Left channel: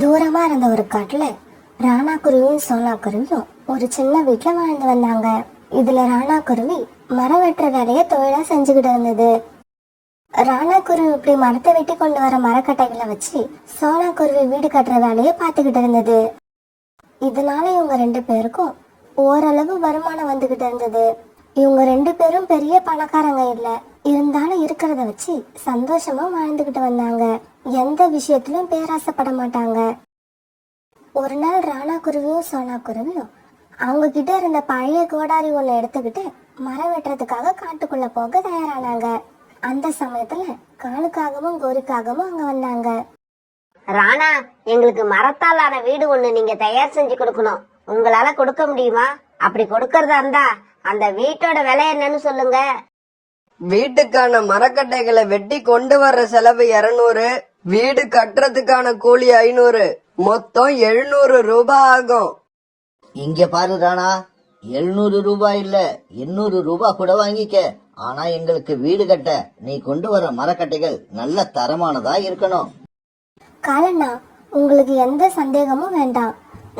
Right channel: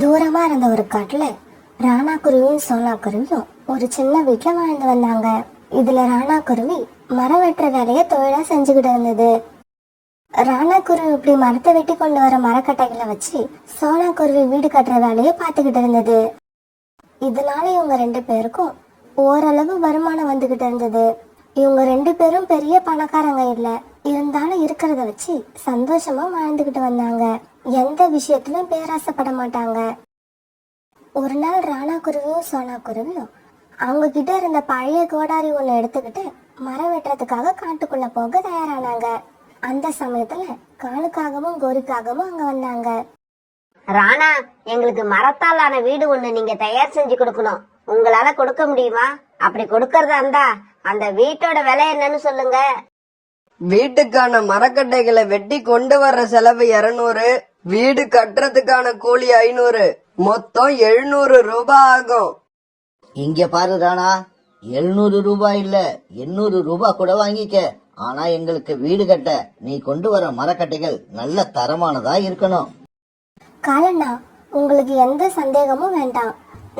தூரமா இருந்த ஒரு காட்டுல ராணா குருவியும் சோனா குருவியும் ஒரு சின்ன வீட்டுல வாழ்ந்து வந்தாங்க. இதுல ராணா குருவி மரம் வெட்டுற வேலையை தொழிலா செஞ்சுக்கிட்டு இருந்தது. ராணா குருவி இப்படி மரத்தை வெட்டி கொண்டு வர மரக்கட்டைகளை வச்சு சோனா குருவி வீடு கட்டுற வேலையை பார்த்துக்கிட்டு இருந்தது. இதனால இவங்க ரெண்டு பேருக்கும் ஓரளவு வருமானம் வந்துகிட்டு இருந்தது. இவங்க ரெண்டு பேரும் பெரிய பணக்காரங்க இல்ல, இருந்தாலும் இருக்கிறத வச்சு சந்தோஷமா வாழ்ந்துகிட்டு வந்தாங்க. எந்த விஷயத்திலும் பேராசைப்பட மாட்டாங்க. ஒரு நாள் ராணா குருவியும் சோனா குருவியும் அவங்க கிட்ட இருந்த பழைய கோடாரி ஒண்ணு எடுத்துக்கிட்டு மரம் வெட்டுறதுக்காக காட்டுக்குள்ள போக தயாரானாங்க. அந்த சமயத்துல காலுக்காகவும் கோரிக்காகவும் அங்க வந்தாங்க. ராணா, எங்களுக்கு மரத்தாலான வீடு ஒண்ணு நீங்க தயார் செஞ்சு கொடுக்கணும். உங்களால கொடுக்க முடியுமா? அப்படி கொடுக்கறதா இருந்தா அந்த வீட்டோட விலை என்னன்னு சொல்லுங்க. வீட்டுக்கான மரக்கட்டைகளை வெட்டி கொண்டு வர்ற செலவு 200, வீடு கட்டுறதுக்கான கூலி 500, மொத்தம் 700 ரூபாய் ஆகும். இங்க பாரு ராணா, 700 ரூபாய் இல்ல 800 ரூபாய் கூட வாங்கிக்க. ஆனா எங்களுக்கு வீடு கட்ட நீ கொண்டு வர மரக்கட்டைகள் நல்ல தரமானதா இருக்கணும். காலண்ணா, உங்களுக்கு எந்த சந்தேகமும் வேண்டாம்.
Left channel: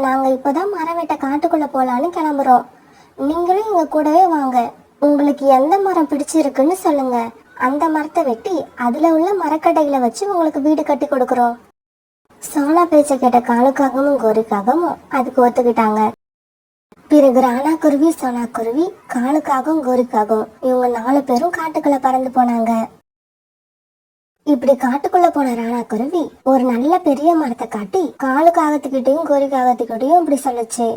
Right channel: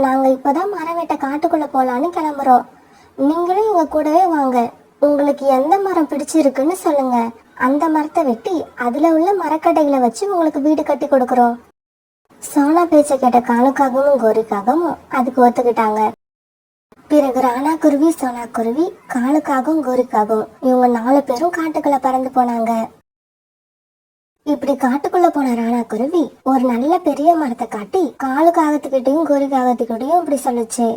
நாங்க இப்பதான் மரம் வெட்ட காட்டுக்குள்ள போலான்னு கிளம்புறோம். நீங்களும் எங்க கூடவே வாங்க. உங்களுக்கு எந்த மரம் பிடிச்சிருக்குன்னு சொல்லுங்க. அந்த மரத்தை வெட்டி அதுல உள்ள மரக்கட்டைகளை வச்சு உங்களுக்கு வீடு கட்டி கொடுக்கறோம். சோனா பேச்ச கேட்ட காலுக்காகவும் கோரிக்காகவும் அதுக்கு ஒத்துக்கிட்டாங்க. பிறகு ராணா குருவி, சோனா குருவி, காலுக்காகவும் கோரிக்காகவும் இவங்க 4 பேரும் காட்டுக்குள்ள பறந்து போனாங்க. இப்படி காட்டுக்குள்ள போன ராணா குருவி ஒரு நல்ல பெரிய மரத்தை காட்டி காலுக்காகத்துக்கிட்டையும் கோரிக்காகத்துக்கிட்டையும் இப்படி சொல்லுச்சு.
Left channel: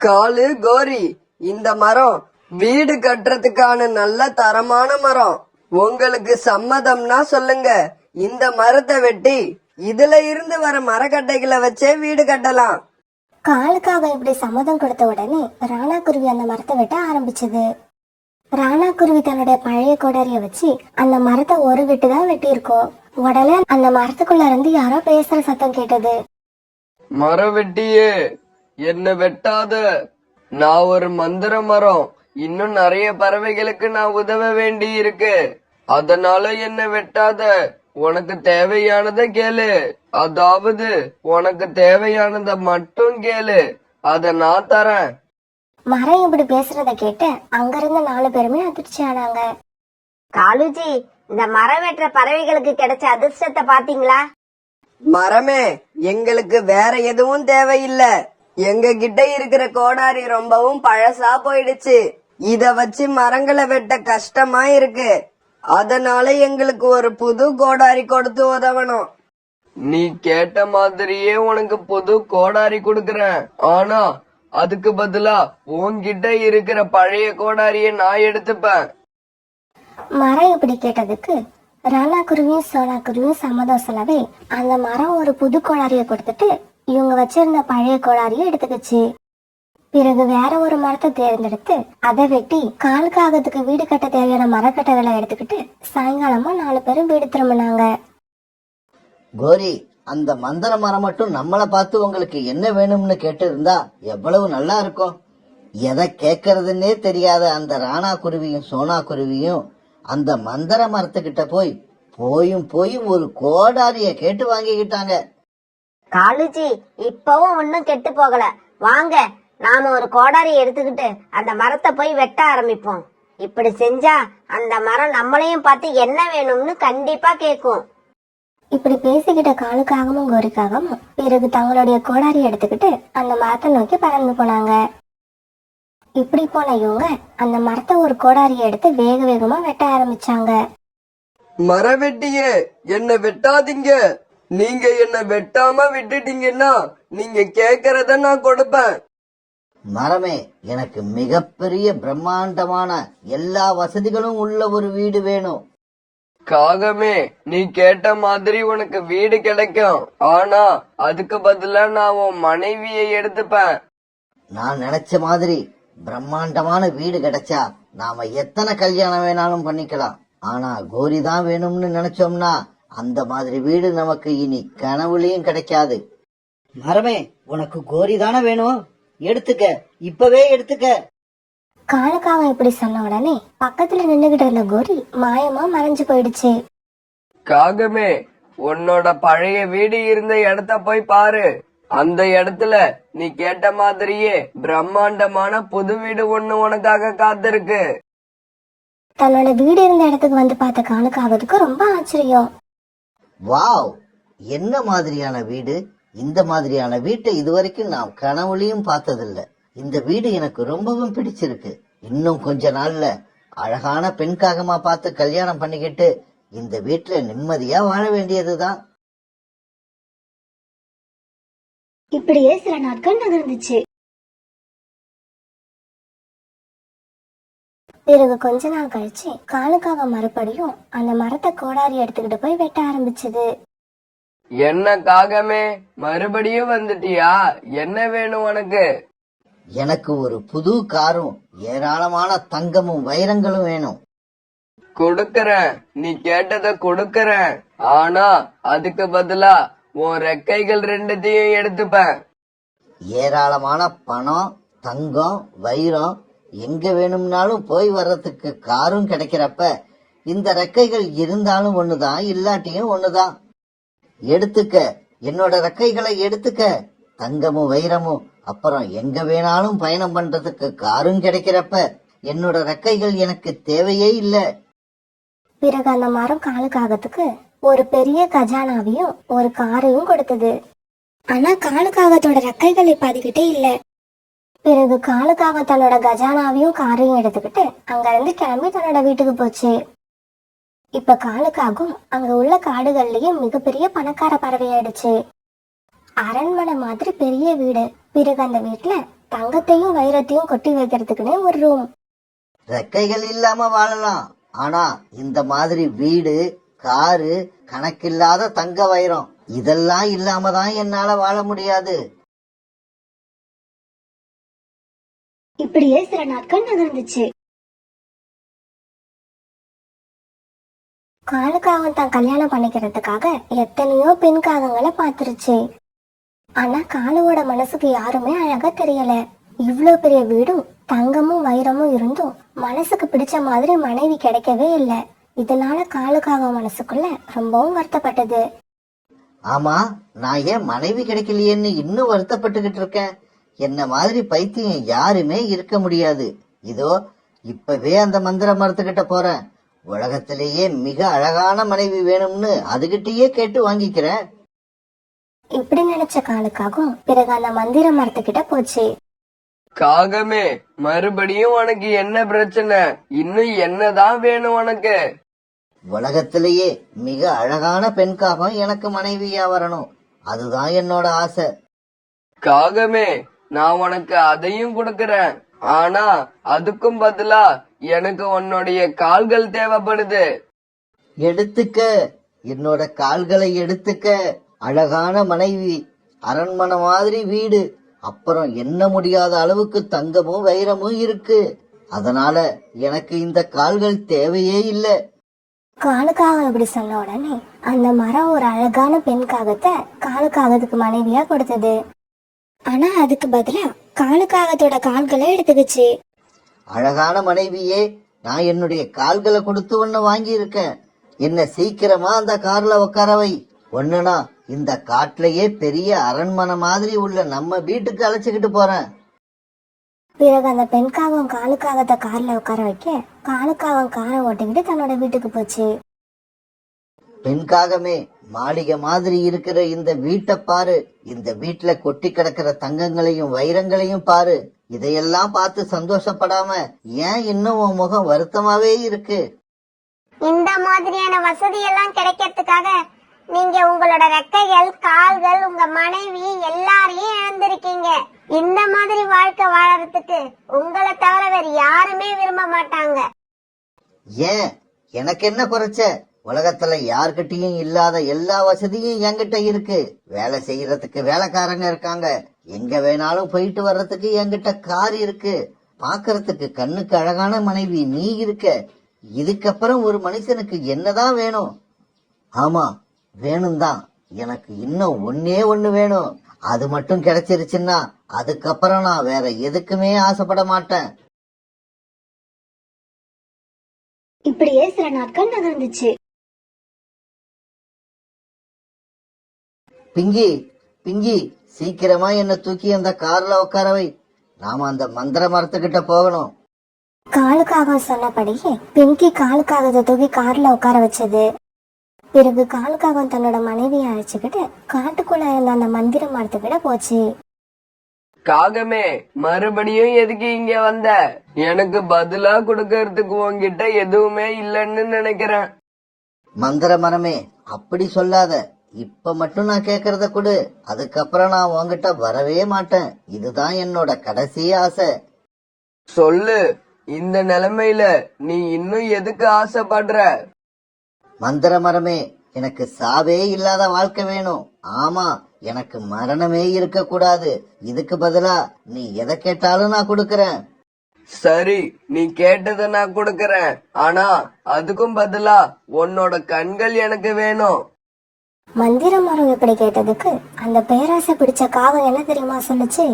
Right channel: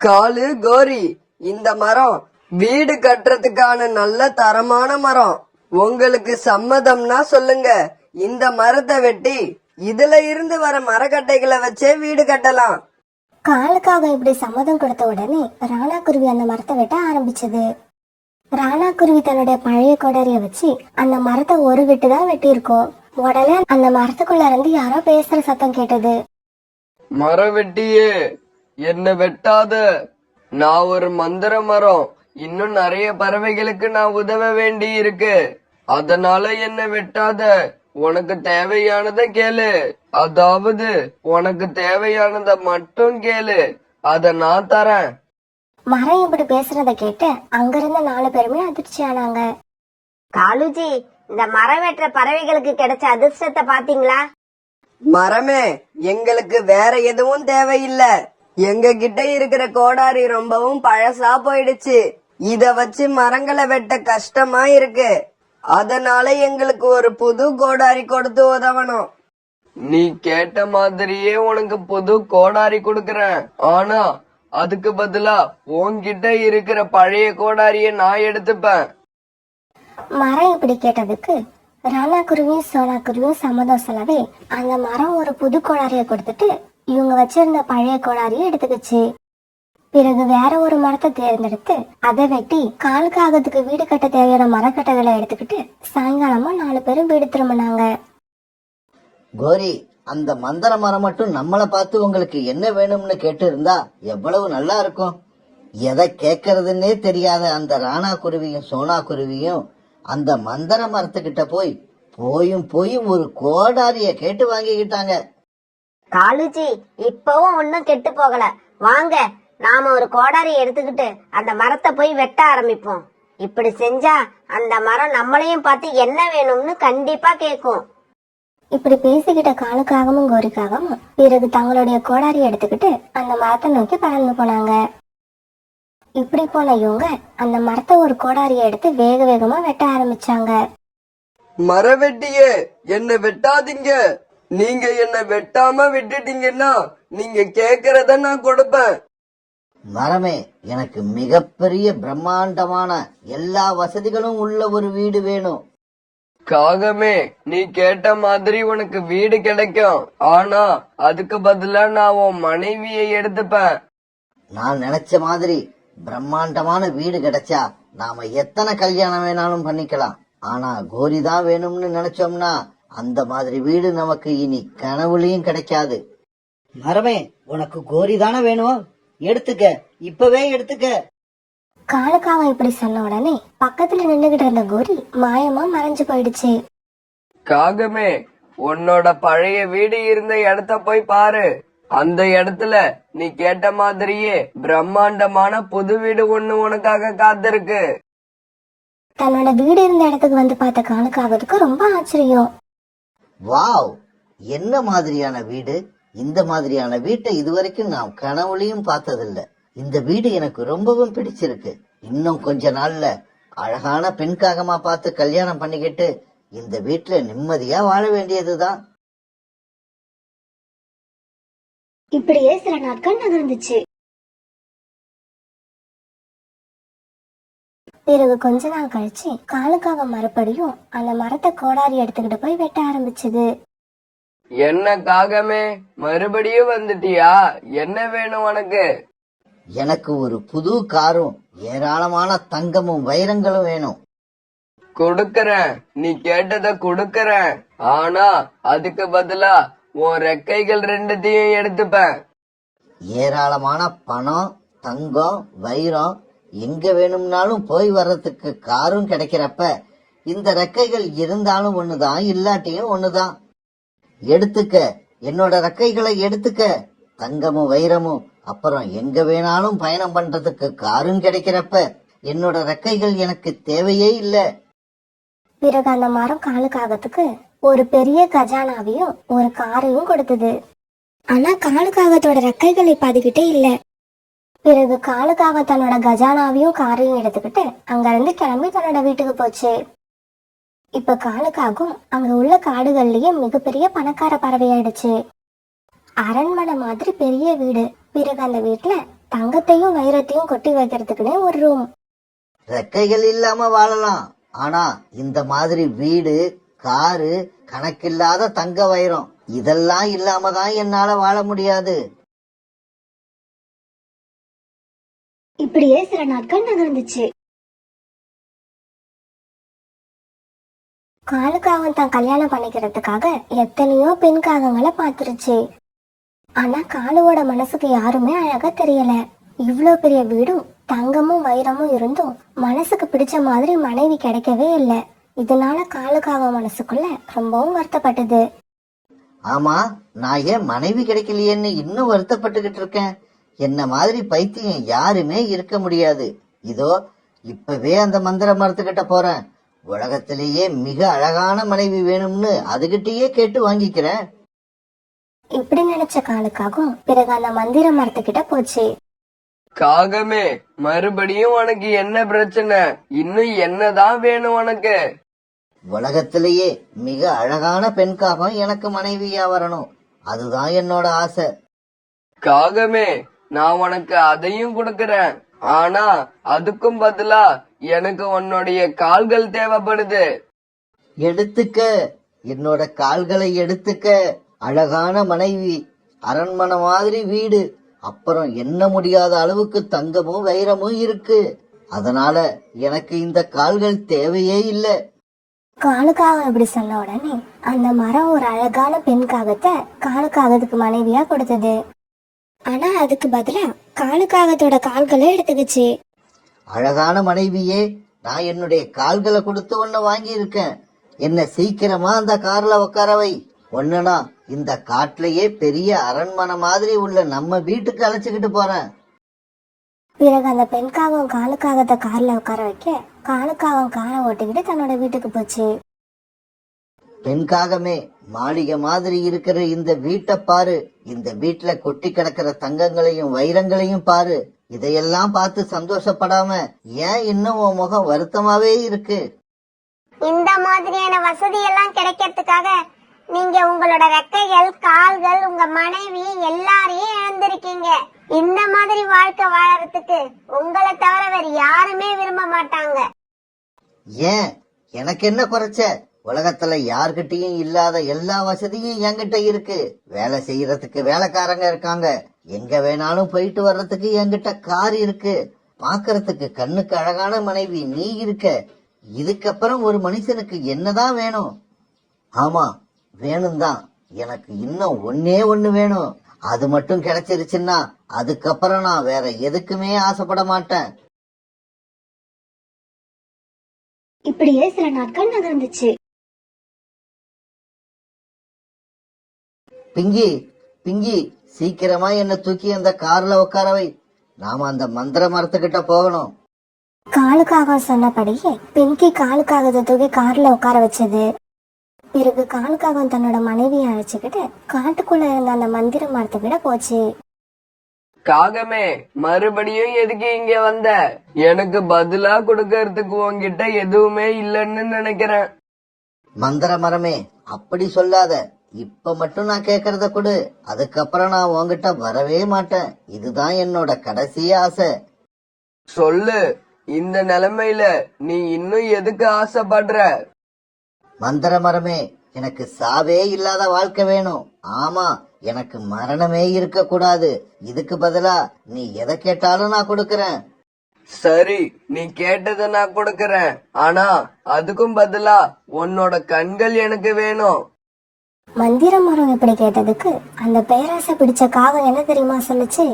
காலு, கோரி, இந்த மரம் வீடு கட்டுறதுக்கான நல்ல தரமான மரம். உங்களுக்கு சம்மதம்னா சொல்லுங்க. இந்த மரத்தை வெட்டி இதுல இருந்து வர மரக்கட்டைகளை வச்சே வீடு கட்டலாம். காலுக்காக இப்படி சம்மதம் கொடுத்த உடனே ராணா குருவி அந்த மரத்தை வெட்ட ஆரம்பிச்சது. ராணா குருவி தன்னுடைய பழைய கொடாரிய வச்சு அந்த மரத்தை ஒரு வெட்டுதான் வெட்டியிருக்கோம். உடனே அந்த மரத்துக்குள்ள இருந்து யாரோ பேசுற சத்தம் கேட்டது. மரம் வெட்டியே, என்ன வெட்டாத. நான் ஒரு மந்திர மரம். இன்னும் நிறைய பறவைகளுக்கு நான் உதவ வேண்டி இருக்கு. அதனால என்ன வெட்டாத. உனக்கு தேவையானத கேளு. அதாவது உனக்கு தேவையானத மட்டும் கேளு, அத நான் தரேன். மரம் இப்படி பேசுறத கேட்டு அங்கிருந்த 4 பேருமே அதிர்ச்சி ஆனாங்க. காலுஜி, இந்த மரம் வெட்டுற பறவைகளுக்கு கிடைச்ச அதிர்ஷ்டத்தை பாத்தீங்களா? மரமே, எங்களுக்கு வேற எதுவும் தேவையில்ல. எங்க கிட்ட இருக்கிற கோடாரி ரொம்பவும் பழசா போயிடுச்சு. இத வச்சு மரங்களை வெட்ட கஷ்டமா இருக்கு. அதனால எங்களுக்கு ஒரு புது கோடாரி கொடுத்து உதவணும். நீ கேட்ட மாதிரியே உனக்கு புது கோடாரி கொடுக்கறேன். ஆனா அதுக்கு பதிலா உன்கிட்ட இருக்கிற பழைய கோடாரிய நான் எடுத்துப்பேன். மரம் இப்படி கேட்டதுக்கு ராணா குருவியும் சோனா குருவியும் சம்மதம் சொல்லவே அந்த மரம் ஒரு புது கோடாரிய கொடுத்துட்டு இவங்க வச்சிருந்த பழைய கோடாரிய எடுத்துக்கிச்சு. பிறகு வேற ஒரு மரத்தை தேர்ந்தெடுத்து அதை வெட்டி காலுக்காகத்துக்கு வீடு கட்ட தேவையான மரக்கட்டைகளை எடுத்துக்கிட்டு சாயங்காலமா 4 பேரும் வீடு திரும்பினாங்க. கோரி, அந்த மந்திர மரம் மட்டும் நம்மளை பார்த்து உங்களுக்கு என்ன வேணும்னு கேட்டு இருந்தா எவ்வளவு நல்லா இருக்கும். எதை கேட்கறதுன்னே தெரியாத அந்த ராணா குருவியும் சோனா குருவியும் அந்த மந்திர மரத்துக்கிட்ட போயும் ஒரு கோடாரிய கேட்டு வாங்கிக்கிட்டாங்க. காலுஜி, இப்பவும் ஒன்னும் கெட்டு போகல. வாங்க, நாம ஒரு கோடாரி எடுத்துக்கிட்டு அந்த மரத்தை போய் வெட்ட ஆரம்பிப்போம். இப்படி செஞ்சா அந்த மரம் நம்மளையும் பார்த்து என்ன வேணும்னு கண்டிப்பா கேக்கும். இப்படி பேசிக்கிட்ட காலுக்காகவும் கோரிக்காகவும் பிறகு தங்களுடைய கோடாரி எடுத்துக்கிட்டு அந்த மரத்தை நோக்கி பறந்து போனாங்க. இப்படி போன இவங்க அந்த மரத்தை ஒரு கோடாரிய எடுத்து வேக வேகமா வெட்ட ஆரம்பிச்சாங்க. மரவெட்டியே, என்ன வெட்டாதீங்க. நீங்க என்ன வெட்டாம விட்டுட்டீங்கன்னா நீங்க கேக்குறத நான் கொடுப்பேன். மரமே, எனக்கு மிகப்பெரிய பிரம்மாண்டமான எல்லா வசதிகளும் உள்ள ஒரு வீடு வேணும். காகமே, நீ கேட்ட மாதிரி உனக்கு வீடு கிடைக்கும். ஆனா அதுக்கு பதிலா நான் உன் மனைவியை எடுத்துப்பேன். நான் நினைச்ச மாதிரி பிரம்மாண்டமான வீடு கிடைச்சா நாம எத்தனை கல்யாணம் வேணாலும் பண்ணிக்கலாம். ஆனா கோரி தான் வேணும்னு நினைச்சோம்னா அந்த மாதிரி வீடு நமக்கு இனி கனவுலயும் கிடைக்காது. மரமே, உனக்கு கோரி தானே வேணும், எடுத்துக்க, இப்பவே எடுத்துக்க. காலுக்காக இப்படி சொன்ன உடனே பக்கத்துல நின்னுகிட்டு இருந்த கோரி மாயமா மறைஞ்சு போயிடுச்சு. காகமே, உன்னோட பழைய வீடு இருந்த இடத்த போய் பாரு. அந்த இடத்துல நீ கேட்ட மாதிரியே பிரம்மாண்டமான புது வீடு ஒண்ணு உனக்காக காத்திருக்கு. தன்னோட வீடு இருந்த இடத்துக்கு வந்து பார்த்த காலுக்காகத்துக்கு ரொம்ப ஆச்சரியம். வாவ், என்ன மாதிரியான வீடு! இந்த மாதிரியான வீட்டை இதுவரைக்கும் நான் கனவுலையும் பார்த்ததில்ல. இந்த வீடு எனக்கு ரொம்பவும் பிடிச்சிருக்கு. இன்னும் கொஞ்ச நாள்ல அழகான பெண் காகமா பார்த்து கல்யாணம் பண்ணிக்கிட்டு இந்த வீட்டுல நிம்மதியா வாழ வேண்டியதுதான். இப்படியே சில நாட்கள் நகர்ந்துச்சு. பிறகு கொஞ்ச நாள் கழிச்சு காலுக்காக மறுபடியும் அந்த மரத்தை கோடாரி எடுத்துக்கிட்டு போய் வெட்ட ஆரம்பிச்சது. என்ன காகமே, மறுபடியும் வந்துட்டியா? என்ன வேணும் உனக்கு? எனக்கு ஒரு புது காரும் ஏராளமான தங்கமும் வைரங்களும் வேணும். கொடுக்கறேன், நீ கேட்டத கொடுக்கறேன். ஆனா அதுக்கு பதிலா உன் ரெக்கைகள் ரெண்டுத்தையும் எடுத்துப்பேன். ஏராளமான பணம், தங்கம், வைரம் எங்க வேணும்னாலும் போய் வர்றதுக்கு காரும் கிடைக்கிறப்ப இந்த ரெக்கைகள் இருந்தாலும் ஒண்ணுதான், இல்லாட்டியும் ஒண்ணுதான். எடுத்துக்க, என்னோட ரெக்கைகளை எடுத்துக்க. தங்கமும் வைரமும், அப்புறம் எங்க வேணாலும் பயணம் பண்றதுக்கு காரும் கிடைக்கிறப்ப என்னோட ரெக்கைகள் எனக்கு தேவையே இல்ல. பிறகு அந்த மரம் காலுக்காகத்துக்கு ஒரு பெரிய கஜானாவையும் ஒரு காரையும் கொடுத்தது. ஆனா காலுக்காகத்தோட ரெக்கைகள் இப்ப அதுகிட்டே இல்ல. பிறகு காலுக்காக தன்னோட கஜானாவையும் காரையும் எடுத்துக்கிட்டு அங்க இருந்து கிளம்பி தன்னோட வீட்டுக்கு போச்சு. இப்ப காலுக்காகவும் அங்க உள்ள காடுகள்லயே மிகப்பெரிய பணக்கார பறவையாயிடுச்சு. அரண்மனை மாதிரி பெரிய வீடு. பிறகு அந்த வீட்டுல தங்கத்தையும் வைரத்தையும் கொட்டி வைக்கிறதுக்குன்னே ஒரு ரூம். ரெக்கைகள் இல்லாம வாழலாம், ஆனா இந்த மாதிரி வீடு, காரு, கணக்கில்லாத தங்க வைரம் இதெல்லாம் இல்லாம தான் என்னால வாழ முடியாது. இப்படியே சில நாட்கள் நகர்ந்துச்சு. காலுக்காகம் தான் கல்யாணம் பண்ணிக்கிறதுக்காக எத்தனையோ பெண் காகங்களை பாத்துருச்சு. ஆனா காலுவோட மனசுக்கு யாருமே அழகா தெரியல. இவ்ளோ பெரிய வீடும் தங்கமும் வைரமும் இருந்தும் மனசுக்கு பிடிச்ச மாதிரி மனைவி கிடைக்கவே இல்ல. இதனால காலுக்காக மனசுக்குள்ள ரொம்பவும் வருத்தப்பட்டது. ஆமா, நான் ஏன் மனைவி கிடைக்கலையேன்னு இன்னும் வருத்தப்பட்டுகிட்டு இருக்கேன். என்ன மாதிரி பைத்தியம் யாருமே இருக்க முடியாது. இதோ இப்பவே அந்த மந்திர மரத்துக்கிட்ட போறேன். உலகத்திலேயே மிக அழகான மனைவி வேணும்னு அதுகிட்டயே கேட்டு வாங்கிக்கிறேன். இப்படி நினைச்ச காலுக்காகவும் பிறகு அந்த மந்திர மரத்துக்கிட்ட போச்சு. காகமே, மறுபடியும் உனக்கு என்ன பிரச்சனை? இன்னும் என்னதான் வேணும் உனக்கு? உலகத்திலேயே மிக அழகான பெண் காகம் எனக்கு மனைவியா வரணும். அதுதான் என்னோட ஆசை. காகமே, நான் உனக்கு அதையும் கொடுக்கறேன். ஆனா அதுக்கும் பதிலா எனக்கு உன்னுடைய கால்கள் தேவைப்படுது. எடுத்துக்க, என்னோட கால்களை எடுத்துக்க. அழகான மனைவி, அரண்மனை மாதிரி வீடு, அப்புறம் எண்ண முடியாத அளவுக்கு தங்கமும் வைரமும் இருக்கு. அதனால எனக்கு இந்த கால்கள் தேவையே இல்லை. காலுக்காக இப்படி சொன்ன உடனே அந்த மரம் ஒரு அழகான பெண் காகத்தை காலுக்காகத்துக்கு மனைவியா கொடுத்தது. ஆனா அதுக்கு பதிலா காலுக்காகத்தோட கால்களை எடுத்துக்கிச்சு. அழகான மனைவியே, நான் என்னுடைய கால்களை கொடுத்து ஒன்ன வாங்கி இருக்கேன். என்ன சீக்கிரமா அந்த கார்ல உட்கார வை. ஒண்ணுனா இந்த காட்டுலயே பெரிய அரண்மனை மாதிரி உள்ள நம்ம வீட்டுக்கு அழைச்சுக்கிட்டு போறேன். பிறகு அந்த பெண் காகம் காலுக்காகத்தை கார்ல உட்கார வைக்க காலுக்காகம் காரை ஓட்டிக்கிட்டு தன்னோட வீட்டுக்கு போச்சு. பெண் காகமே, மாளிகை மாதிரி இருக்கிற இந்த வீட்டை பாரு. இந்த வீட்டுல கொட்டி கிடக்கிற தங்கங்களையும் வைரங்களையும் பாரு. இதையெல்லாம் பார்த்து சந்தோஷப்படாம ஏன் இன்னும் உன் முகம் வருத்தமாவே இருக்கு? இந்த மாதிரியான வசதி எல்லாம் கிடைக்கிறதுக்காக நீங்க உங்களோட ரெக்கைகள், கால்கள், உங்க மனைவி எல்லாரையும் இழந்திருக்கீங்க. இந்த மாதிரி வாழ்க்கை வாழறதுக்கு உங்களை தவிர வேற யாருமே விரும்ப மாட்டாங்க. ஏன், எனக்கு என்ன குறைச்ச? உலகத்துல யார்கிட்டயும் இல்லாத எல்லா வசதியும் என்கிட்ட இருக்கு. வேலை செய்யறதுக்கு வேலைக்காரங்க இருக்காங்க. எங்க வேணாலும் போயிட்டு வர்றதுக்கு என்கிட்ட கார் இருக்கு. பாக்குறதுக்கு கண்ணுக்கு அழகான மனைவி நீ இருக்க. இதுக்கப்புறம் ஒரு மனுஷனுக்கு என்னதான் வேணும்? ஆமா, வேணும் தான். எனக்கு இன்னும் ஒன்னே ஒண்ணு வேணும். அது மட்டும் கிடைச்சிருச்சுன்னா அதுக்கப்புறம் நான் வேற எதுக்குமே ஆசைப்பட மாட்டேன். இப்படியே சில நாட்கள் நகர்ந்துச்சு. பிங்கி, பிங்கி, சீக்கிரமா என்ன தூக்கி அந்த கார்ல உட்கார வை. நாம அந்த மந்திர மரத்துக்கிட்ட போகணும். காலுக்காக சொன்னபடியே பிங்கி காலுக்காகத்தை தூக்கி கார்ல உட்கார வச்சது. பிறகு காலுக்காக தன்னோட மனைவியை அழைச்சுக்கிட்டு காட்டுக்குள்ள இருந்த அந்த மந்திர மரத்துக்கிட்ட போச்சு. காகமே, மறுபடியும் எதுக்கு இங்க வந்த? எனக்கு பதிலா கொடுக்கறதுக்கு உன்கிட்ட எதுவுமே இல்லைன்னு நினைக்கிறேன். மந்திர மரமே, அப்படி சொல்லாத. இப்ப மட்டும் நான் கேக்குறத கொடு, அதுக்கப்புறம் நான் உன்கிட்ட வரவே மாட்டேன். இதுதான் என்னோட கடைசி ஆசை. சொல்லு, இந்த நிலைமையில நீ இன்னும் எதுக்கு ஆசைப்படுற? மந்திர மரமே, எனக்கு சாவே இல்லாத வாழ்க்கை வேணும். ஆமா, எனக்கு மரணமே இருக்க கூடாது. இதுக்கு பதிலா நீ எதை கேட்டாலும் நான் கொடுக்கறேன். சரி, நீ கேட்டதை நான் கொடுக்கறேன். ஆனா அதுக்கும் பதிலா உன்னோட கண்கள் எனக்கு வேணும். மந்திர மரம் இப்படி கேட்டதுக்கு அந்த பேராசை பிடிச்ச காகம் என்ன தெரியுமா சொல்லுச்சு?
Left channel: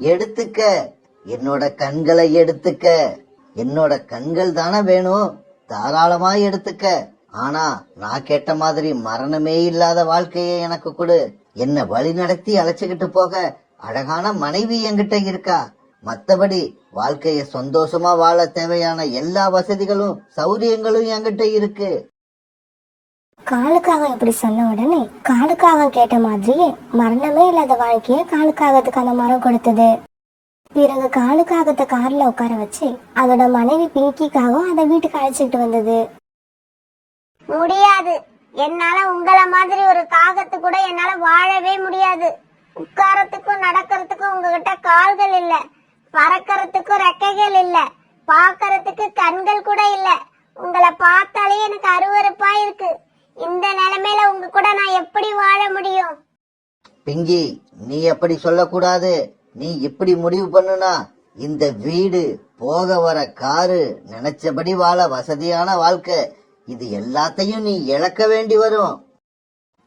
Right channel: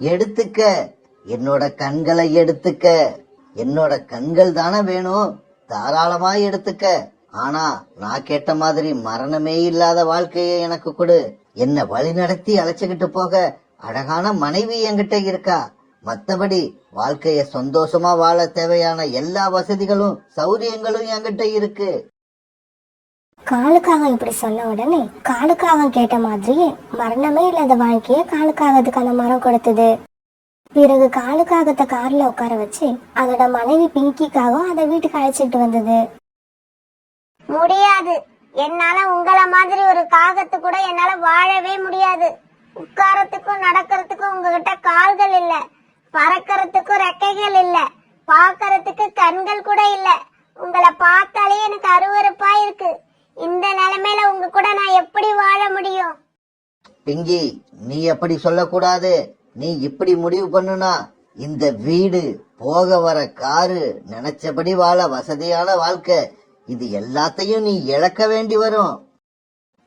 எடுத்துக்க, என்னோட கண்களை எடுத்துக்க. என்னோட கண்கள் தானே வேணும், தாராளமா எடுத்துக்க. ஆனா நான் கேட்ட மாதிரி மரணமே இல்லாத வாழ்க்கையை எனக்கு கொடு. என்ன வழி நடத்தி அழைச்சுக்கிட்டு போக அழகான மனைவி என்கிட்ட இருக்கா. மத்தபடி வாழ்க்கைய சந்தோஷமா வாழ தேவையான எல்லா வசதிகளும் சௌரியங்களும் என்கிட்ட இருக்கு. காலுக்காக இப்படி சொன்ன உடனே காலுக்காக கேட்ட மாதிரியே மரணமே இல்லாத வாழ்க்கைய காலுக்காகத்துக்கு அந்த மரம் கொடுத்தது. பிறகு காலுக்காகத்தை கார்ல உட்கார வச்சு அதோட மனைவி பிங்கிக்காகவும் அதை வீட்டுக்கு அழைச்சிட்டு வந்தது. முடியாது, என்னால உங்கள மாதிரி ஒரு காகத்து கூட என்னால வாழவே முடியாது. உட்காரத்துக்கும் நடக்கிறதுக்கும் உங்ககிட்ட கால்கள் இல்ல, பறக்கிறதுக்கும் ரெக்கைகள் இல்ல, பாக்கறதுக்கு கண்கள் கூட இல்ல. உங்களை பார்த்தாலே எனக்கு அருவருப்பா இருக்கு. இந்த நிலைமையில உங்க கூட நான் எப்படி வாழ முடியும்? பிங்கி, நீ அப்படி சொல்லக்கூடாது. நீ இப்படி முடிவு பண்ணுனா இந்த வீடு, போக வர காரு, நினைச்சபடி வாழ வசதியான வாழ்க்கை, இது எல்லாத்தையும் நீ இழக்க வேண்டி வரும்.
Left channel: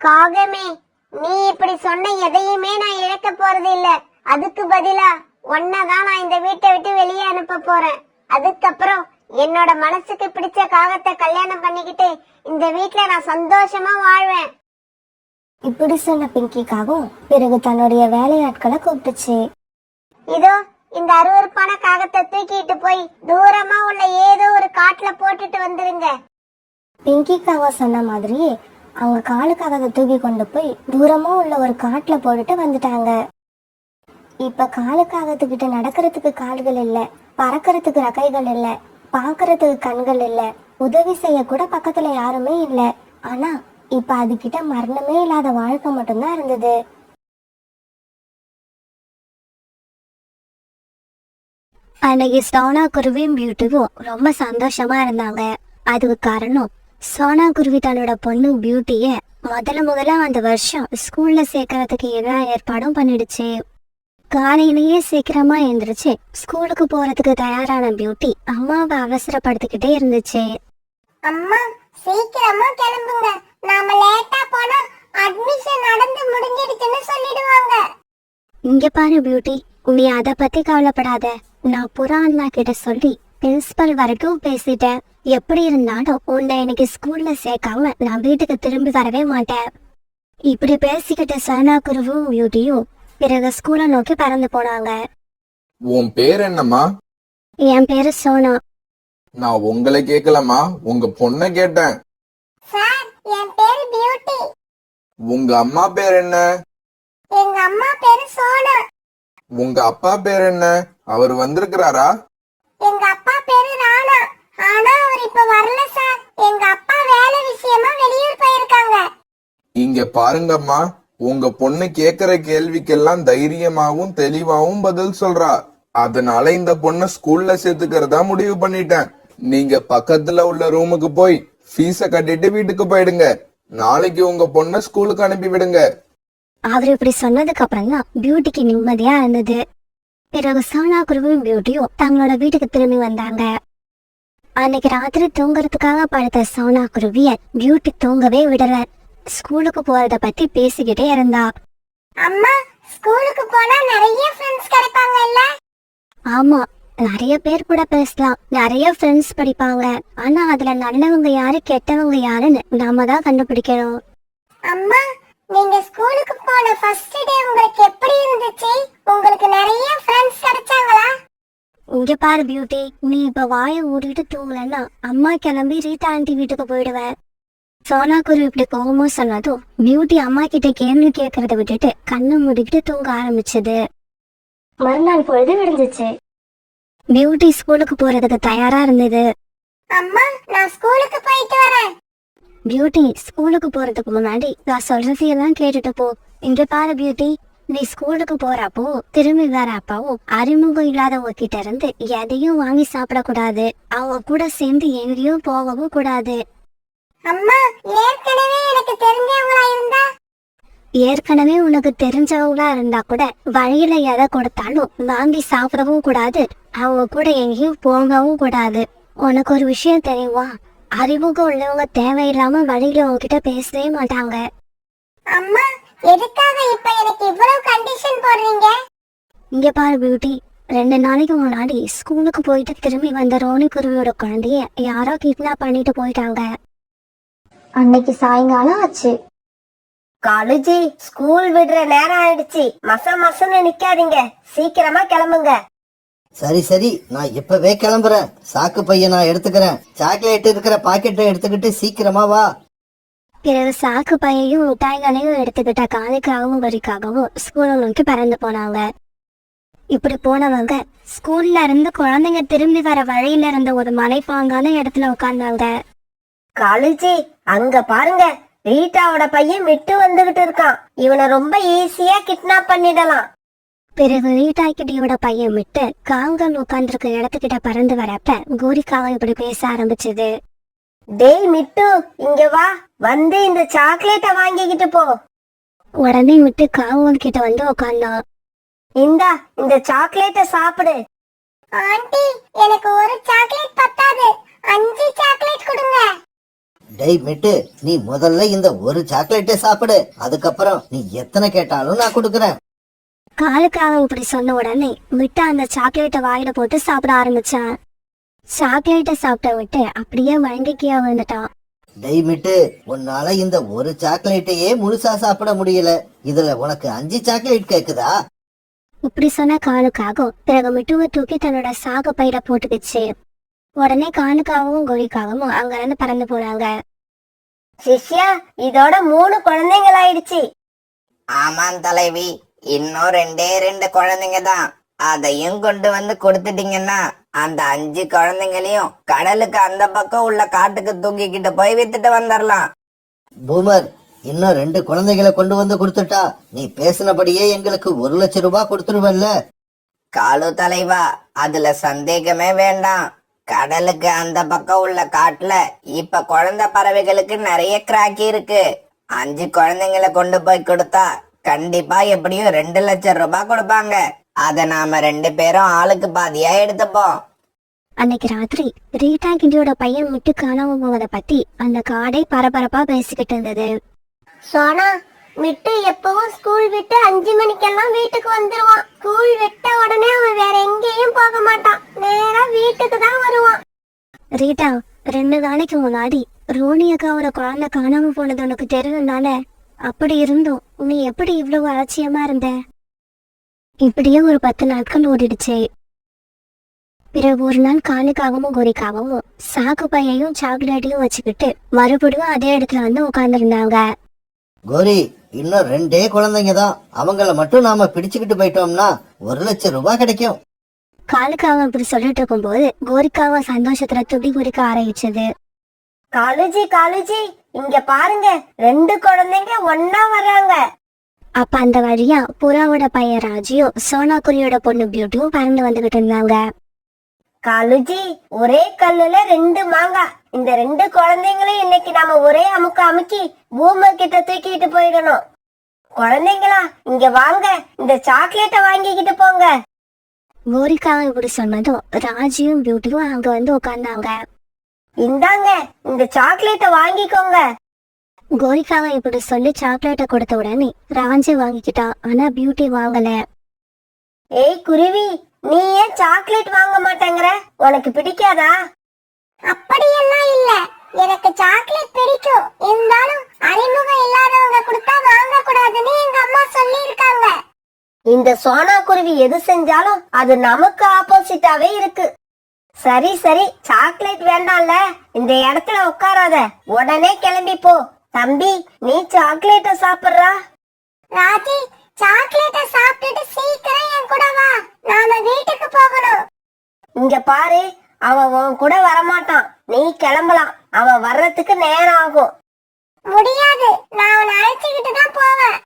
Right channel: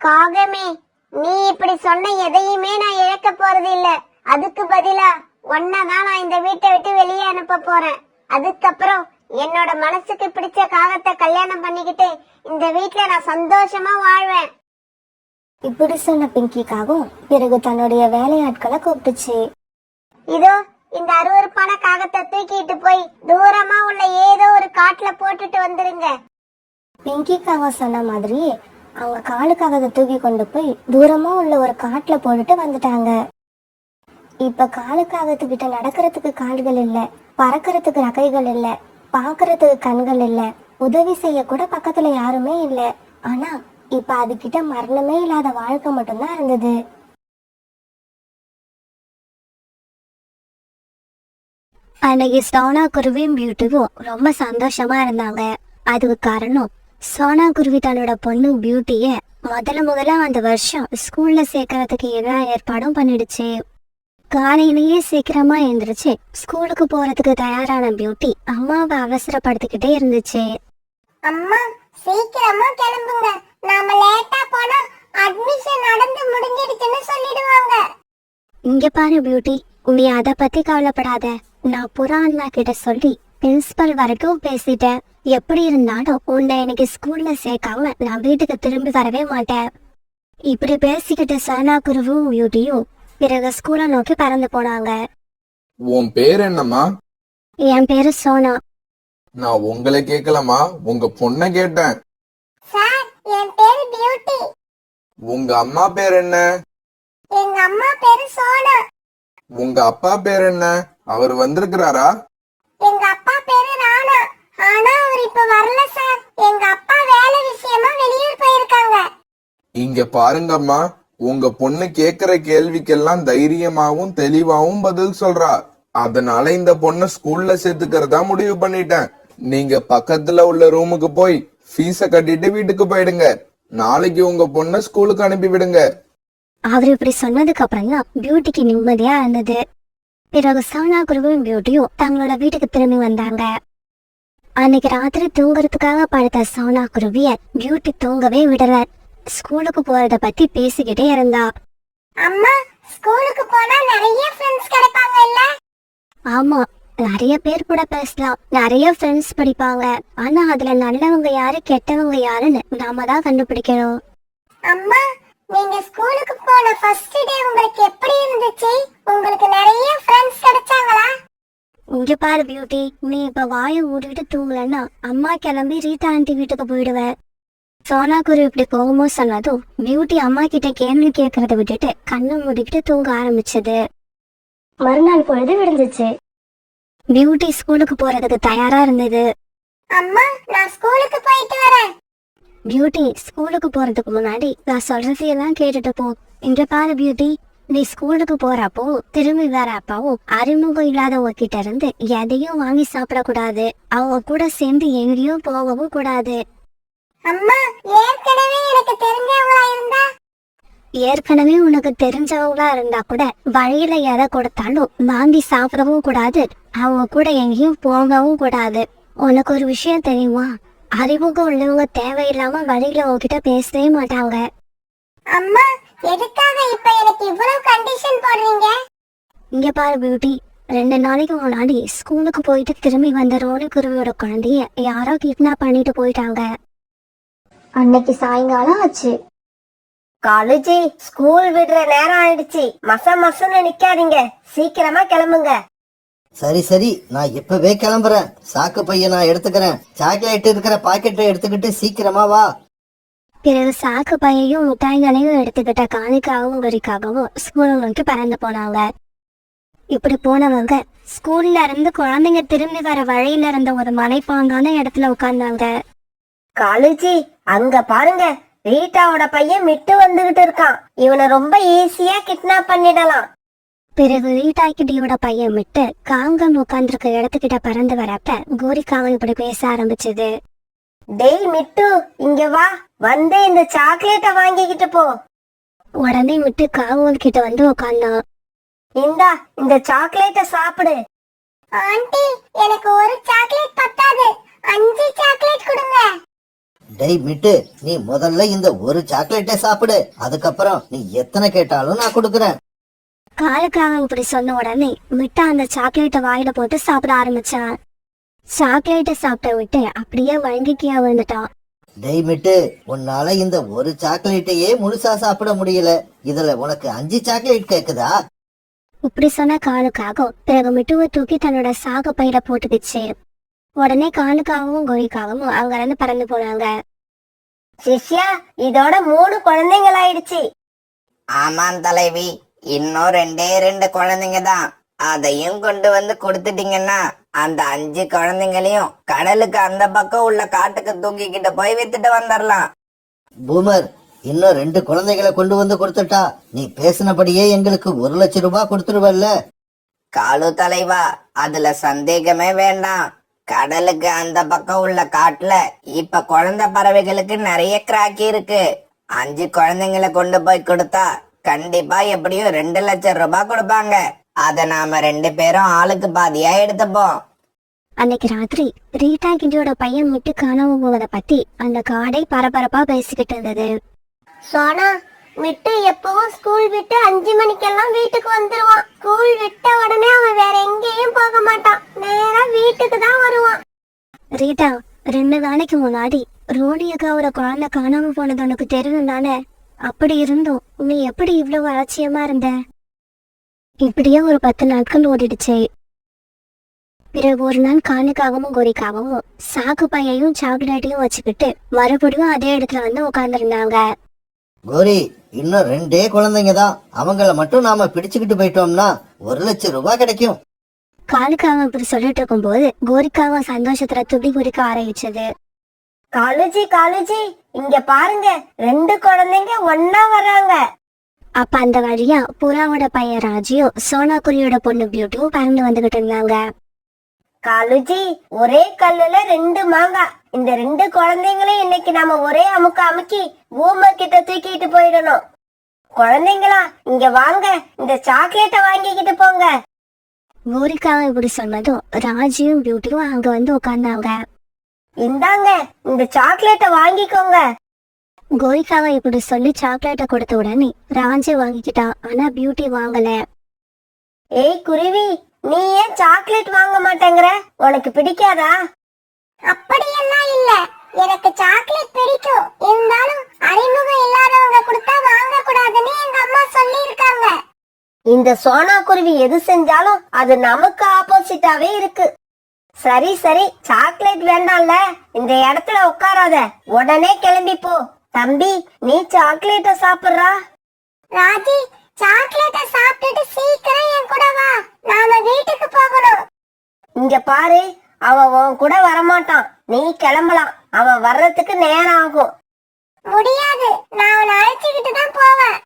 காகமே, நீ இப்படி சொன்ன எதையுமே நான் இழக்க போறது இல்ல. அதுக்கு பதிலா ஒன்னதான் நான் இந்த வீட்டை விட்டு வெளியே அனுப்ப போறேன். அதுக்கப்புறம் என்னோட மனசுக்கு பிடிச்ச காகத்தை கல்யாணம் பண்ணிக்கிட்டு இந்த வீட்டுல நான் சந்தோஷமா வாழ்வேன். இப்படி சொன்ன பிங்கிக்காகவும் பிறகு தன்னுடைய வேலையாட்களை கூப்பிட்டுச்சு. இதோ இந்த அருவருப்பான காகத்தை தூக்கிட்டு போய் தூரமா உள்ள ஏதோ ஒரு காட்டுல போட்டுட்டு வந்துருங்க. பிங்கிக்காக சொன்ன மாதிரியே அவங்க காலுக்காக தூக்கி கொண்டு போய் தூரமா உள்ள ஒரு காட்டுல போட்டுட்டு வந்துட்டாங்க. இப்ப காலுக்காகத்துக்கிட்ட நடக்கிறதுக்கு கால்கள் இல்ல, பறக்கிறதுக்கு ரெக்கைகள் இல்ல, பாக்குறதுக்கு கண்கள் இல்ல, உதவி செய்ய கூட பக்கத்துல யாருமே இல்ல. ஆனா இப்ப அதுகிட்ட மரணமே இல்லாத வாழ்க்கை மட்டும்தான் இருந்தது. அன்னைக்கு சோனா குருவியும் பியூட்டியும் ரொம்ப சந்தோஷமா இருந்தாங்க. அதுக்கு காரணம் சோனா குருவி தன்னோட பொண்ணு பியூட்டிய முதல்ல அந்த வருஷம் ஸ்கூல்ல சேர்க்கறதுக்கு எல்லா ஏற்பாடும் பண்ணிடுச்சு. காலையிலேயே சீக்கிரமா எழுந்திருச்சு ஸ்கூலுக்கு போறதுக்கு தயாரான பியூட்டி அம்மாவை அவசரப்படுத்திக்கிட்டே இருந்துச்சு. அம்மா, சீக்கிரமா கிளம்புங்க, நாம லேட்டா போனா அட்மிஷன் நடந்து முடிஞ்சிடுச்சுன்னு சொல்லிடுவாங்க. இங்க பாரு பியூட்டி, நீ அத பத்தி கவலைப்படாத. நான் புறா அண்ணா கிட்ட சொல்லி பிரின்சிபல் வரைக்கும் பேசிட்டேன். எப்படி இருந்தாலும் உன்னை இன்னைக்கு ஸ்கூல்ல சேர்க்காம நான் வீட்டுக்கு திரும்பி வரவே மாட்டேன். இப்படி பேசிக்கிட்ட சோனா குருவும் பியூட்டியும் பிறகு ஸ்கூலை நோக்கி பறந்து போனாங்க. உன் பேர் என்னம்மா? என் பேரு சோனா. நான் உங்களை கேட்கலமா, உங்க பொண்ண கேட்டேன். சார், என் பேரு பியூட்டி. உங்க அம்மா பேர் என்ன? எங்க அம்மா பேரு சோனா. உங்க அப்பா பேர் என்ன? அவர் வந்திருக்கிறாரா? எங்க அப்பா பேரு ராணா. ஆனா அவர் இப்ப வரல சார். எங்க அப்பா வேலை விஷயமா வெளியூர் போயிருக்காங்க. இங்க பாருங்கம்மா, உங்க பொண்ணு கேக்குற கேள்விக்கெல்லாம் தைரியமாவும் தெளிவாவும் பதில் சொல்றா. அதனால இந்த பொண்ண ஸ்கூல்ல சேர்த்துக்கிறதா முடிவு பண்ணிட்டேன். நீங்க பக்கத்துல உள்ள ரூமுக்கு போய் ஃபீஸ கட்டிட்டு வீட்டுக்கு போயிடுங்க. நாளைக்கு உங்க பொண்ண ஸ்கூலுக்கு அனுப்பி விடுங்க. அவர் இப்படி சொன்னதுக்கு அப்புறம் தான் பியூட்டிக்கு நிம்மதியா இருந்தது. பிறகு சோனா குருவும் பியூட்டியும் தங்களோட வீட்டுக்கு திரும்பி வந்தாங்க. அன்னைக்கு ராத்திரி தூங்குறதுக்காக படுத்த சோனா குருவிய பியூட்டி தூங்கவே விடல. ஸ்கூலுக்கு போறத பத்தி பேசிக்கிட்டே இருந்தா. அம்மா, ஸ்கூலுக்கு போனா நிறைய ஃப்ரெண்ட்ஸ் கிடைப்பாங்க இல்ல? ஆமா, நிறைய பேர் கூட பேசலாம், நிறைய ஃப்ரெண்ட்ஸ் படிப்பாங்க. ஆனா அதுல நல்லவங்க யாரு கெட்டவங்க யாருன்னு நாம தான் கண்டுபிடிக்கணும். அம்மா, நீங்க ஸ்கூல் ஃபர்ஸ்ட் டே உங்களுக்கு எப்படி இருந்துச்சு? உங்களுக்கு நிறைய ஃப்ரெண்ட்ஸ் கிடைச்சாங்களா? இங்க பாரு பியூட்டி, நீ இப்ப வாயை மூடிட்டு தூங்கலன்னா அம்மா கிளம்பி ரீட்டா ஆண்டி வீட்டுக்கு போயிடுவேன். சோனா குரு இப்படி கோவமா சொன்னதும் பியூட்டி அம்மா கிட்ட கேள்வி கேட்கறத விட்டுட்டு கண்ணை மூடிக்கிட்டு தூங்க ஆரம்பிச்சது. மறுநாள் பொழுது விடிஞ்சிச்சு. பியூட்டி ஸ்கூலுக்கு போறதுக்கு தயாரா இருந்தது. அம்மா, நான் ஸ்கூலுக்கு போயிட்டு வரேன். பியூட்டி ஸ்கூலுக்கு போறதுக்கு முன்னாடி நான் சொல்றதையெல்லாம் கேட்டுட்டு போ. இங்க பாரு பியூட்டி, நீ ஸ்கூலுக்கு போறப்போ திரும்பி வரப்போ அறிமுகம் இல்லாதவங்க கிட்ட இருந்து எதையும் வாங்கி சாப்பிடக்கூடாது. அவங்க கூட சேர்ந்து எங்கேயும் போகவும் கூடாது. அம்மா, ஏற்கனவே எனக்கு தெரிஞ்சவங்களா இருந்தா? ஏற்கனவே உனக்கு தெரிஞ்சவங்களா இருந்தா கூட வழியில எதை கொடுத்தாலும் வாங்கி சாப்பிடவும் கூடாது. அவங்க கூட எங்கேயும் போகவும் கூடாது. உனக்கு ஒரு விஷயம் தெரியுமா? அறிமுகம் உள்ளவங்க தேவையில்லாம வழியில உங்ககிட்ட பேசவே மாட்டாங்க. அம்மா, எதுக்காக இப்ப எனக்கு இவ்வளவு கண்டிஷன் போடுறீங்க? இங்க பாரு பியூட்டி, 2 நாளைக்கு முன்னாடி ஸ்கூலுக்கு போயிட்டு திரும்பி வந்த ரோனி குருவியோட குழந்தைய யாரோ கிட்னாப் பண்ணிட்டு போயிட்டாங்க. அன்னைக்கு சாயங்காலம் ஆச்சு. காலேஜி, ஸ்கூல் விடுற நேரம் ஆயிடுச்சு. மசன்னு நிக்காதீங்க, சீக்கிரமா கிளம்புங்க. சரி சரி, நான் இப்பவே கிளம்புறேன். சாக்கு பைய நான் எடுத்துக்கிறேன். சாக்லேட் இருக்கிற பாக்கெட்டை எடுத்துக்கிட்டு சீக்கிரமா வா. பிறகு சாக்கு பையையும் மிட்டாய்களையும் எடுத்துக்கிட்ட காணிக்காகவும் வரிக்காகவும் ஸ்கூலை நோக்கி பறந்து போனாங்க. இப்படி போனவங்க ஸ்கூல்ல இருந்து குழந்தைங்க திரும்பி வர வழியில இருந்த ஒரு மலைப்பாங்கான இடத்துல உட்கார்ந்தாங்க. காலேஜி, அங்க பாருங்க, ரீட்டாவோட பையன் மிட்டு வந்துகிட்டு இருக்கான். இவனை ரொம்ப ஈஸியா கிட்னாப் பண்ணிடலாம். பிறகு ரீட்டாக்கிட்டியோட பையன் விட்டு காங்கன் உட்கார்ந்துருக்க இடத்துக்கிட்ட பறந்து வரப்ப கோரிக்காவும் இப்படி பேச ஆரம்பிச்சது. டேய் மிட்டு, இங்க வா, வந்து இந்த சாக்லேட்டை வாங்கிக்கிட்டு போ. உடனே விட்டு காவூர் கிட்ட வந்து உட்கார்ந்தான். இந்தா, இந்த சாக்லேட்டை சாப்பிடு. ஆண்டி, எனக்கு ஒரு சாக்லேட் பத்தாது, 5 சாக்லேட் கொடுங்க. டேய் மிட்டு, நீ முதல்ல இந்த ஒரு சாக்லேட்டை சாப்பிடு. அதுக்கப்புறம் நீ எத்தனை கேட்டாலும் நான் கொடுக்குறேன். காலுக்காக இப்படி சொன்ன உடனே மிட்டா அந்த சாக்லேட்டை வாயில போட்டு சாப்பிட ஆரம்பிச்சான். சாக்லேட்டை சாப்பிட்ட விட்டு அப்படியே வழங்கிக்கியா வந்துட்டான். டேய் மிட்டு, உன்னால இந்த ஒரு சாக்லேட்டையே முழுசா சாப்பிட முடியல. இதுல உனக்கு 5 சாக்லேட் கேக்குதா? இப்படி சொன்ன காலுக்காகவும் பிறகு மிட்டுவை தூக்கி தன்னோட சாகு பையில போட்டுக்கிச்சு. உடனே காலுக்காகவும் கோரிக்காகவும் அங்க இருந்து பறந்து போனாங்க. சிஷ்யா, இதோட 3 குழந்தைகள் ஆயிடுச்சு. ஆமாம் தலைவி, இன்னும் 2 குழந்தைங்க தான். அதையும் கொண்டு வந்து கொடுத்துட்டீங்கன்னா அந்த 5 குழந்தைங்களையும் கடலுக்கு அந்த பக்கம் உள்ள காட்டுக்கு தூக்கிக்கிட்டு போய் வித்துட்டு வந்துடலாம். பூமர், இன்னும் 2 குழந்தைகளை கொண்டு வந்து கொடுத்துட்டா நீ பேசினபடியே எங்களுக்கு 1 லட்சம் ரூபாய் கொடுத்துருவல்ல? காலு தலைவா, அதுல சந்தேகமே வேண்டாம். கடலுக்கு அந்த பக்கம் உள்ள காட்டுல இப்ப குழந்தை பறவைகளுக்கு நிறைய கிராக்கி இருக்கு. 5 குழந்தைங்களை கொண்டு போய் கொடுத்தா கண்டிப்பா எப்படியும் 2 லட்சம் ரூபாய் கொடுப்பாங்க. அத நாம 2 பேரும் ஆளுக்கு பாதியா எடுத்துப்போம். அன்னைக்கு ராத்திரி ரீட்டா கிண்டியோட பையன் விட்டு காணாம போவதை பத்தி அந்த காடே பரபரப்பா பேசிக்கிட்டு இருந்தது. சோனா, மிட்டு எப்பவும் ஸ்கூல் விட்டு 5 மணிக்கெல்லாம் வீட்டுக்கு வந்துருவான். ஸ்கூல் விட்ட உடனே அவன் வேற எங்கேயும் போக மாட்டான், நேரா வீட்டுக்கு தான் வருவான். ரீட்டா, 2 நாளைக்கு முன்னாடி ரோனி அக்காவோட குழந்தை காணாம போனது உனக்கு தெரியும் தானே? அப்படி இருந்தும் நீ எப்படி இவ்வளவு அலட்சியமா இருந்த? இப்படியே ஒரு 10 நாட்கள் ஓடிடுச்சு. பிறகு ஒரு நாள் காலுக்காகவும் கோரிக்காகவும் சாக்கு பையையும் சாக்லேட்டையும் வச்சுக்கிட்டு மறுபடியும் அதே இடத்துல வந்து உட்கார்ந்துருந்தாங்க. கோரி, இன்னும் 2 குழந்தைங்க தான். அவங்கள மட்டும் நாம பிடிச்சுக்கிட்டு போயிட்டோம்னா 1 லட்சம் ரூபாய் கிடைக்கும். காலுக்காக இப்படி சொல்லிட்டு இருக்கும்போது கோரிக்காக சந்தோஷத்துல துடி குடிக்க ஆரம்பிச்சது. காலேஜி, இங்க பாருங்க, 2 குழந்தைங்க ஒன்னா வராங்க. அப்ப அந்த வழியா புறாவோட பையன் ராஜியும் சோனா குருவியோட பொண்ணு பியூட்டியும் பறந்து வந்துகிட்டு இருந்தாங்க. காலேஜி, ஒரே கல்லுல 2 மாங்காய். இந்த 2 குழந்தைங்களையும் இன்னைக்கு நாம ஒரே அமுக்கி பூமர் கிட்ட தூக்கிட்டு போயிடணும். குழந்தைங்களா, இங்க வாங்க, இந்த சாக்லேட்டை வாங்கிக்கிட்டு போங்க. கோரிக்காக இப்படி சொன்னதும் ராஜியும் பியூட்டியும் அங்க வந்து உட்கார்ந்தாங்க. இந்தாங்க, இந்த சாக்லேட்டை வாங்கிக்கோங்க. கோரிக்காக இப்படி சொல்லி சாக்லேட்டை கொடுத்த உடனே ராஜி வாங்கிக்கிட்டான். ஆனா பியூட்டி வாங்கல. ஏய் குருவி, நீ ஏன் சாக்லேட் வாங்க மாட்டேங்கிற? உனக்கு பிடிக்காதா? அப்படியெல்லாம் இல்ல, எனக்கு சாக்லேட் பிடிக்கும். இருந்தாலும் அறிமுகம் இல்லாதவங்க கொடுத்தா வாங்க கூடாதுன்னு எங்க அம்மா சொல்லி இந்த சோனா குருவி எது செஞ்சாலும் அது நமக்கு ஆப்போசிட்டாவே இருக்கு. சரி சரி, சாக்லேட் வேண்டாம்ல, இந்த இடத்துல உட்காராத, உடனே கிளம்பி போ. தம்பி, நீ சாக்லேட்ட சாப்பிடுறா. ராஜி, சாக்லேட்ட சாப்பிட்டுட்டு சீக்கிரம் என் கூட வா, நாம வீட்டுக்கு போகணும். இங்க பாரு, அவன் உன் கூட வரமாட்டான், நீ கிளம்பலாம். அவன் வர்றதுக்கு நேரம் ஆகும். முடியாது, நான் அவனை அழைச்சுக்கிட்டு தான் போவேன்.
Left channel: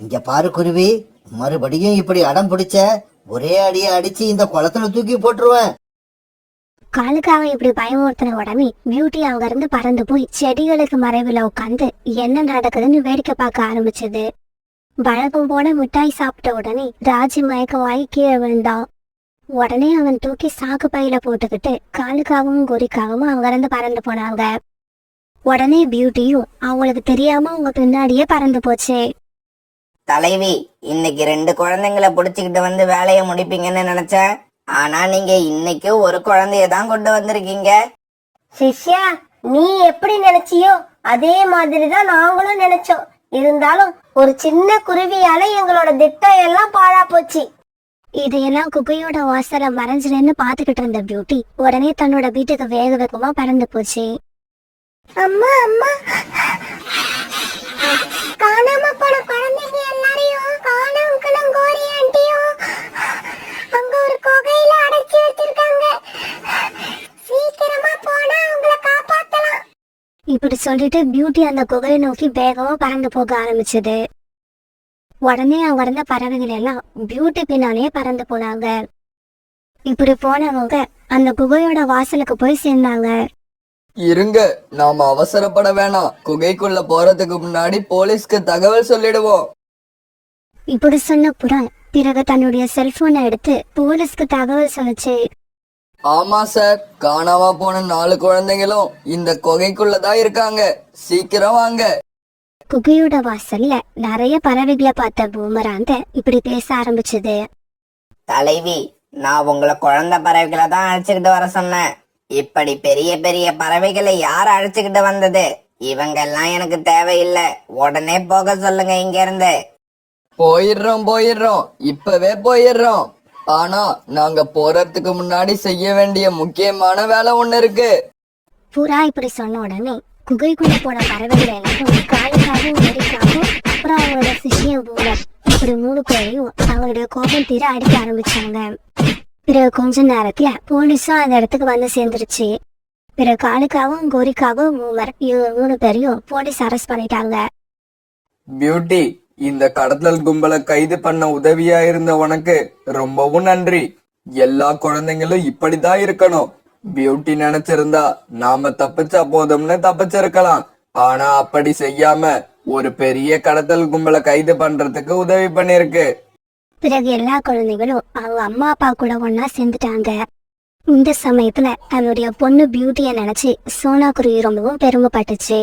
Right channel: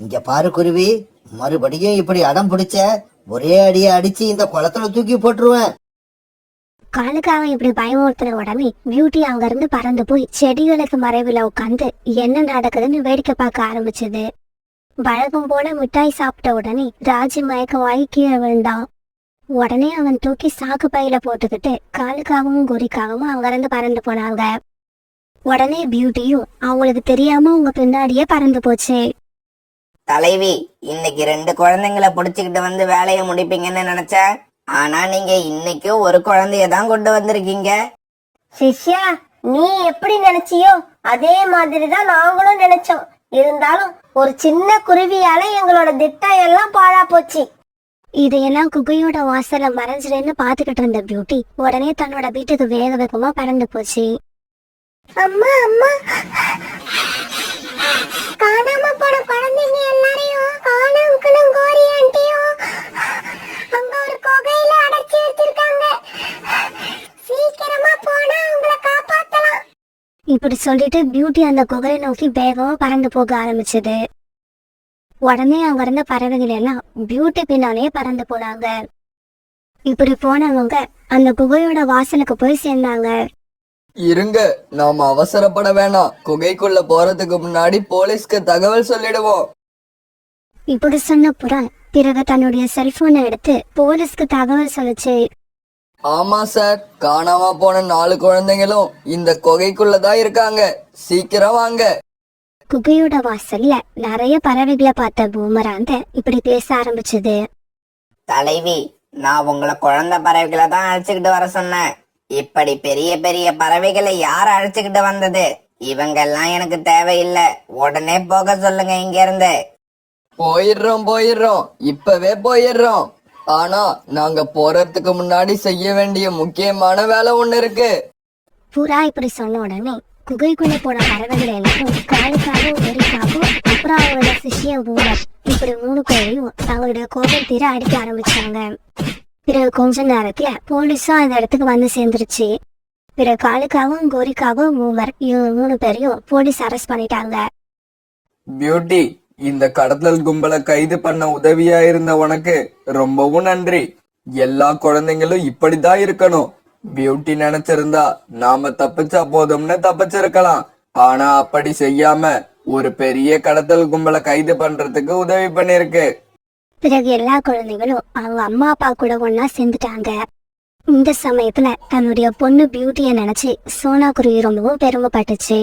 இங்க பாரு குருவி, மறுபடியும் இப்படி அடம் பிடிச்ச ஒரே அடியை அடிச்சு இந்த குளத்துல தூக்கி போட்டுருவேன். காலுக்காக இப்படி பயமுறுத்தின உடனே பியூட்டி அங்க இருந்து பறந்து போய் செடிகளுக்கு மறைவுல உட்காந்து என்ன நடக்குதுன்னு வேடிக்கை பார்க்க ஆரம்பிச்சது. வழக்கம் போல மிட்டாய் சாப்பிட்ட உடனே ராஜி மயக்கமாயி கீழே விழுந்தான். உடனே அவன் தூக்கி சாக்கு பையில போட்டுக்கிட்டு காலுக்காகவும் கோரிக்காகவும் அங்கிருந்து பறந்து போனாங்க. உடனே பியூட்டியும் அவங்களுக்கு தெரியாம அவங்க பின்னாடியே பறந்து போச்சு. தலைவி, இன்னைக்கு 2 குழந்தைங்களை புடிச்சுக்கிட்டு வந்து வேலையை முடிப்பீங்கன்னு நினைச்சேன். ஆனா நீங்க இன்னைக்கு ஒரு குழந்தைய தான் கொண்டு வந்திருக்கீங்க. சிஷ்யா, நீ எப்படி நினைச்சியோ அதே மாதிரிதான் நாங்களும் நினைச்சோம். இருந்தாலும் ஒரு சின்ன குருவியால எங்களோட திட்டம் எல்லாம் பாழா போச்சு. இதையெல்லாம் குகையோட வாசல மறைஞ்சிருன்னு பாத்துக்கிட்டு இருந்த பியூட்டி உடனே தன்னோட வீட்டுக்கு வேக வேகமா பறந்து போச்சு. அம்மா அம்மா, காணாம போன குழந்தைங்க எல்லாரையும் காணாம கோரி ஆண்டியும் அங்க ஒரு குகையில அடைச்சி வச்சிருக்காங்க. சீக்கிரமா போனா அவங்கள காப்பாத்தலாம். இப்படி சொல்லிட்டு பியூட்டி அந்த குகையை நோக்கி வேகமா பறந்து போக ஆரம்பிச்சது. உடனே அங்க இருந்த பறவைகள் எல்லாம் பியூட்டி பின்னாலே பறந்து போனாங்க. இப்படி போனவங்க அந்த குகையோட வாசலுக்கு போய் சேர்ந்தாங்க. இருங்க, நாம அவசரப்பட வேணாம். குகைக்குள்ள போறதுக்கு முன்னாடி போலீஸ்க்கு தகவல் சொல்லிடுவோம். இப்படி சொன்ன புறா பிறகு தன்னுடைய செல்போனை எடுத்து போலீஸ்க்கு தகவல் சொல்லுச்சு. ஆமா சார், காணாம போன 4 குழந்தைங்களும் இந்த குகைக்குள்ளதான் இருக்காங்க. சீக்கிரம் வாங்க. குகையோட வாசல்ல நிறைய பறவைகளை பார்த்த பூமராங்க இப்படி பேச ஆரம்பிச்சது. தலைவி, நான் உங்களை குழந்தை பறவைகளை தான் அழைச்சுக்கிட்டு வர சொன்னேன். இப்படி பெரிய பெரிய பறவைகளை யார் அழைச்சுக்கிட்டு வந்தது? இவங்க எல்லாம் எனக்கு தேவையில்லை. உடனே போக சொல்லுங்க இங்க இருந்து. போயிடுறோம், இப்பவே போயிடுறோம். ஆனா நாங்க போறதுக்கு முன்னாடி செய்ய வேண்டிய முக்கியமான வேலை ஒண்ணு இருக்கு. புறா இப்படி சொன்ன உடனே குகைக்குள்ள போன பறவைகள் எல்லாரும் காலுக்காகவும் நெறிக்காகவும் அப்புறம் அவங்களோட சிஷியம் பூமர் இப்படி 3 பேரையும் அவங்களுடைய கோபம் தீர அடிக்க ஆரம்பிச்சாங்க. பிறகு கொஞ்ச நேரத்துல போலீஸும் அந்த இடத்துக்கு வந்து சேர்ந்துருச்சு. பிறகு காலுக்காகவும் கோரிக்காகவும் பூமர் இவங்க 3 பேரையும் போலீஸ் அரெஸ்ட் பண்ணிட்டாங்க. பியூட்டி, இந்த கடத்தல் கும்பலை கைது பண்ண உதவியா இருந்த உனக்கு ரொம்பவும் நன்றி. எல்லா குழந்தைங்களும் இப்படிதான் இருக்கணும். பியூட்டி நினைச்சிருந்தா நாம தப்பிச்சா போதும்னு தப்பிச்சிருக்கலாம். ஆனா அப்படி செய்யாம ஒரு பெரிய கடத்தல் கும்பலை கைது பண்றதுக்கு உதவி பண்ணிருக்கு. பிறகு எல்லா குழந்தைகளும் அவங்க அம்மா அப்பா கூட ஒன்னா சேர்ந்துட்டாங்க. இந்த சமயத்துல தன்னுடைய பொண்ணு பியூட்டிய நினைச்சு சோனா குருவி ரொம்பவும் பெருமைப்பட்டுச்சு.